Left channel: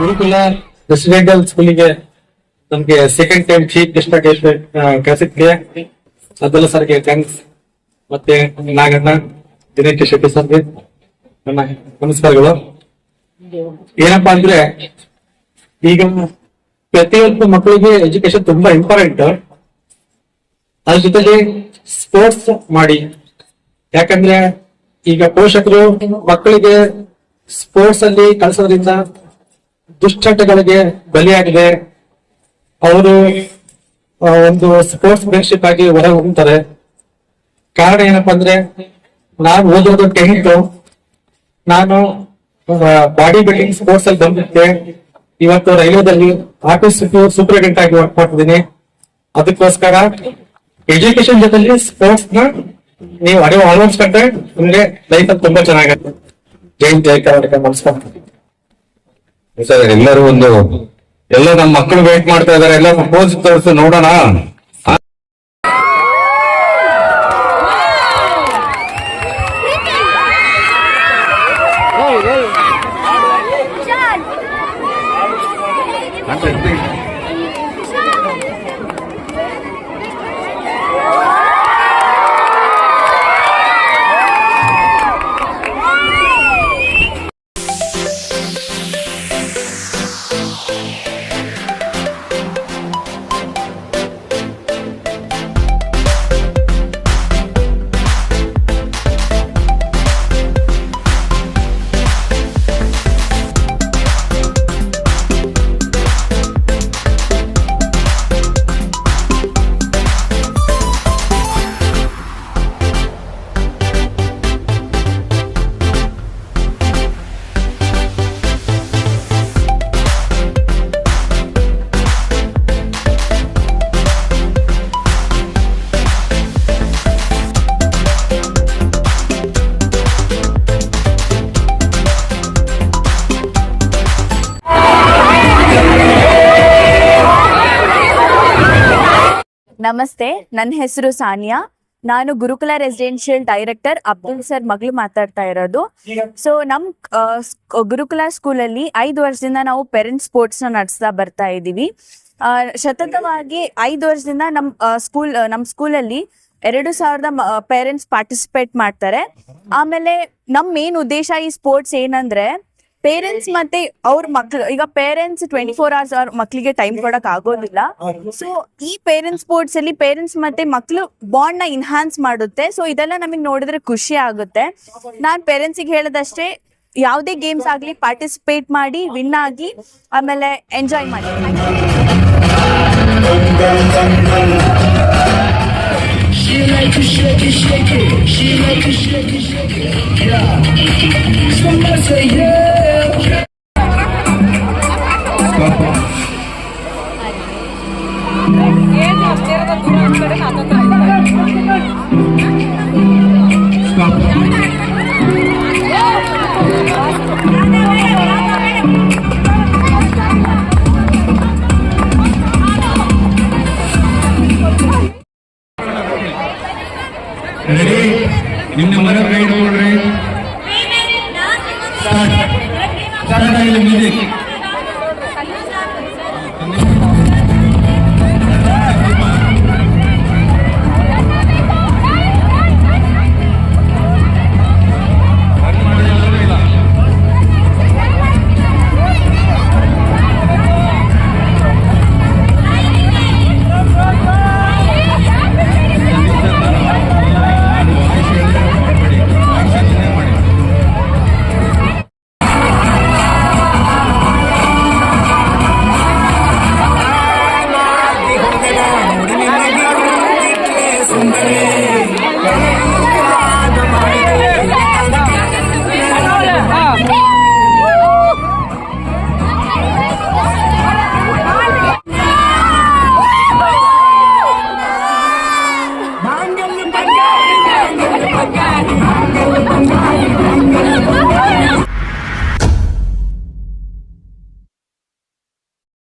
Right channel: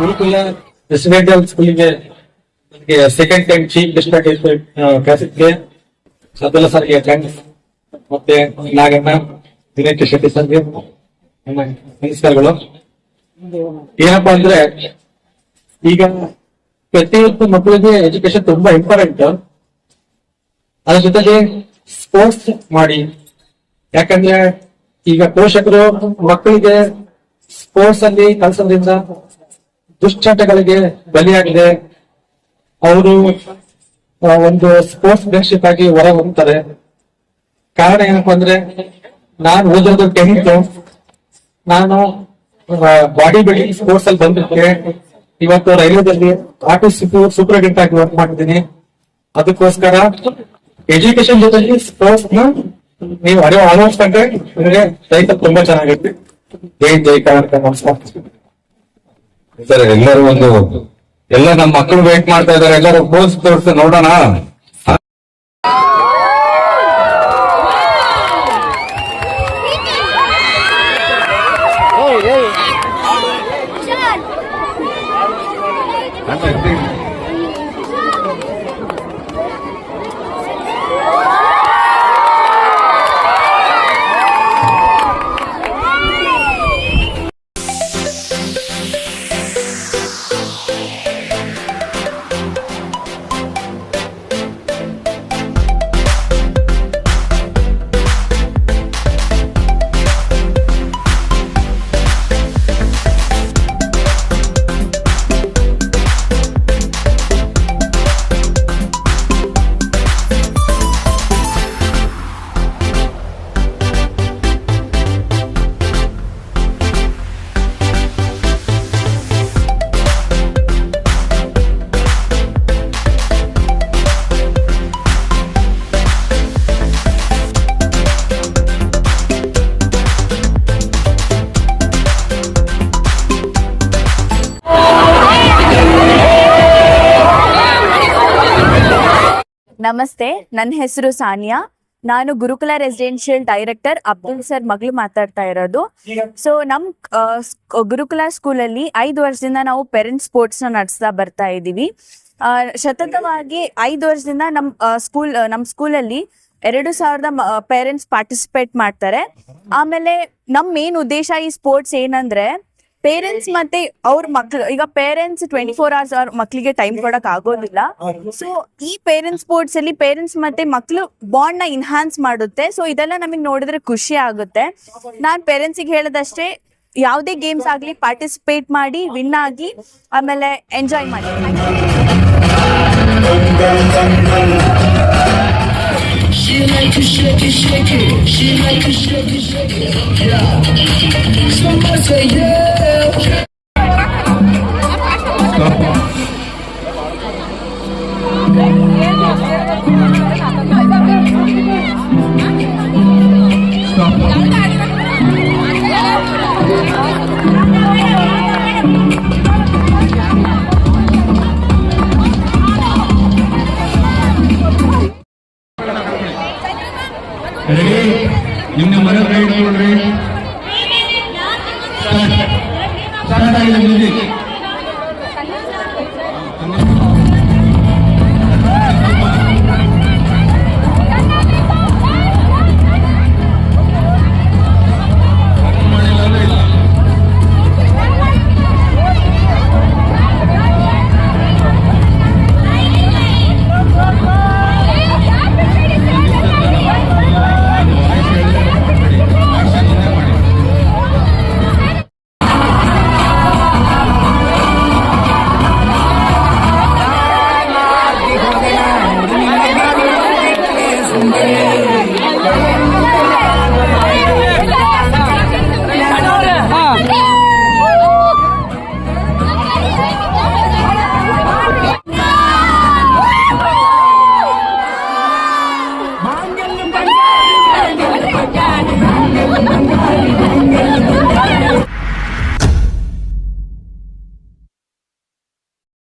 ಗುರುಕುಲ residential ಸ್ಕೂಲಿಗೆ ನಮ್ಗೆ second time chief guest ಕರೆಸಿದ್ಗೆ ಅಬ್ದುಲ್ಲಾ ಸರ್ಗೆ ಥ್ಯಾಂಕ್ಸ್. ಮತ್ತೆ ನಾಗಣ್ಣ, ದಿನೇಶ್ ಶೆಟ್ಟಿ ಸರ್ಗೆ ನನ್ನ ನಮಸ್ಕಾರಗಳು. ಏನಪ್ಪಾ ಅಂದ್ರೆ, ಈಗ ಪ್ರತಿಯೊಂದು ಮಕ್ಕಳಿಗೆ ಎಜುಕೇಶನ್ ತುಂಬಾ ಇಂಪಾರ್ಟೆಂಟ್. ಅದ್ರ ಜೊತೆಗೆ ಸ್ಪೋರ್ಟ್ಸ್ ಮಾಡಿ, ಯಾಕಂದ್ರೆ ಈಗ ಪೋಷಕರು ಮಕ್ಕಳಿಗೆ ಸ್ಪೋರ್ಟ್ಸ್ ಅಲ್ಲಿ ಕಳಿಸೋದ್ರಿಂದ ದುಶ್ಚಟಗಳಿಗೆ ಬಲಿಯಾಗಿದೆ. ಅವರು ಒಂದು ಸ್ಪೋರ್ಟ್ಸ್ ಫ್ರೆಂಡ್ಶಿಪ್ ಆಗಿ ಹೊರ ಹೋಗ್ತಾರೆ. ಕಾರಣ ಏನಪ್ಪಾ ಅಂದ್ರೆ, ನಾನು ಓದಿರೋದು 10th, ನಾನು ಬಾಡಿ ಬಿಲ್ಡಿಂಗ್ ಸ್ಪೋರ್ಟ್ಸ್ ಅಲ್ಲಿ ಬಂದಿದ್ದೆ. ಇವತ್ತು ರೈಲ್ವೆದಲ್ಲಿ ಆರ್ಟಿಸ್ಟ್ ಸೂಪರಿಂಟೆಂಡೆಂಟ್ ಆಗಿ ವರ್ಕ್ ಮಾಡ್ತಿದ್ದೀನಿ. ಅದಕ್ಕೋಸ್ಕರ ಎಜುಕೇಶನ್ ಜೊತೆಲಿ ಸ್ಪೋರ್ಟ್ಸ್ ನ ನೀವು ಅಳವಡಿಸ್ಕೊಂಡ್ರೆ ಅಂದ್ರೆ ಲೈಫ್ ತುಂಬಾ ಚೆನ್ನಾಗತ್ತೆ. ಜೈ ಜೈ ಕರ್ನಾಟಕ. ನಮಸ್ಕಾರ ಸರ್. ಎಲ್ಲ ನಮ್ಮ ಮಕ್ಕಳು ವೇಟ್ ಮಾಡ್ತಾ ಇದಾರೆ. ಎಲ್ಲರೂ ಪೋಸ್ ತೋರಿಸಿ ನೋಡೋಣ. ನಮಸ್ತೆ, ನನ್ನ ಹೆಸರು ಸಾನಿಯಾ. ನಾನು ಗುರುಕುಲ ರೆಸಿಡೆನ್ಷಿಯಲ್ ಡೈರೆಕ್ಟರ್ ಅಬ್ದುಲ್ ಸರ್ ಮಗಳು ಮಾತಾಡ್ತಾ ಇರೋದು. ಸೊ ಗುರುಕುಲ ಸ್ಕೂಲಲ್ಲಿ 5 ವರ್ಷದಿಂದ ನಾವು ಪೇರೆಂಟ್ಸ್ ಸ್ಪೋರ್ಟ್ಸ್ ನ ನಡೆಸ್ತಾ ಬರ್ತಾ ಇದ್ದೀವಿ. ಸತತವಾಗಿ 5 ವರ್ಷದಿಂದ ನಮ್ಮ ಸ್ಕೂಲಲ್ಲಿ 2000 ಪೇರೆಂಟ್ಸ್ ಪಾರ್ಟಿಸಿಪೇಟ್ ಮಾಡ್ತಾರೆ. ಆಮೇಲೆ ನಮ್ಮ ಮೇನ್ ಉದ್ದೇಶ ಈ ಸ್ಪೋರ್ಟ್ಸ್ ಏನಂದ್ರೆ, ಪೇರೆಂಟ್ಸ್ ಮತ್ತೆ ಅವ್ರ ಮಕ್ಳು, ಈಗ ಪೇರೆಂಟ್ಸ್ 24 hours ಅವ್ರ ಮಕ್ಳಿಗೆ ಟೈಮ್ ಕೊಡಕ್ ಆಗೋದಿಲ್ಲ. ಸೊ ಈ ಪೇರೆಂಟ್ಸ್ ಸ್ಪೋರ್ಟ್ಸ್ ಅಲ್ಲಿ ಪೇರೆಂಟ್ಸ್ ಮತ್ತೆ ಮಕ್ಳು ಬಾಂಡ್ ನ ಇನ್ಹಾನ್ಸ್ ಮಾಡುತ್ತೆ. ಸೊ ಇದೆಲ್ಲ ನಮಗೆ ನೋಡಿದ್ರೆ ಖುಷಿ ಆಗುತ್ತೆ. ನಾನ್ ಪೇರೆಂಟ್ಸಿಗೆ ಹೇಳದಷ್ಟೇ, ಯಾವುದೇ ಗೇಮ್ಸ್ ಆಗ್ಲಿ ಪಾರ್ಟಿಸಿಪೇಟ್ ಮಾಡಿ, ವಿನ್ ಆಗಿ, ಆಮೇಲೆ ಎಂಜಾಯ್ ಮಾಡಿ. ನಿನ್ನ ಮನೆ ಕೈ ನೋಡ್ರಿ.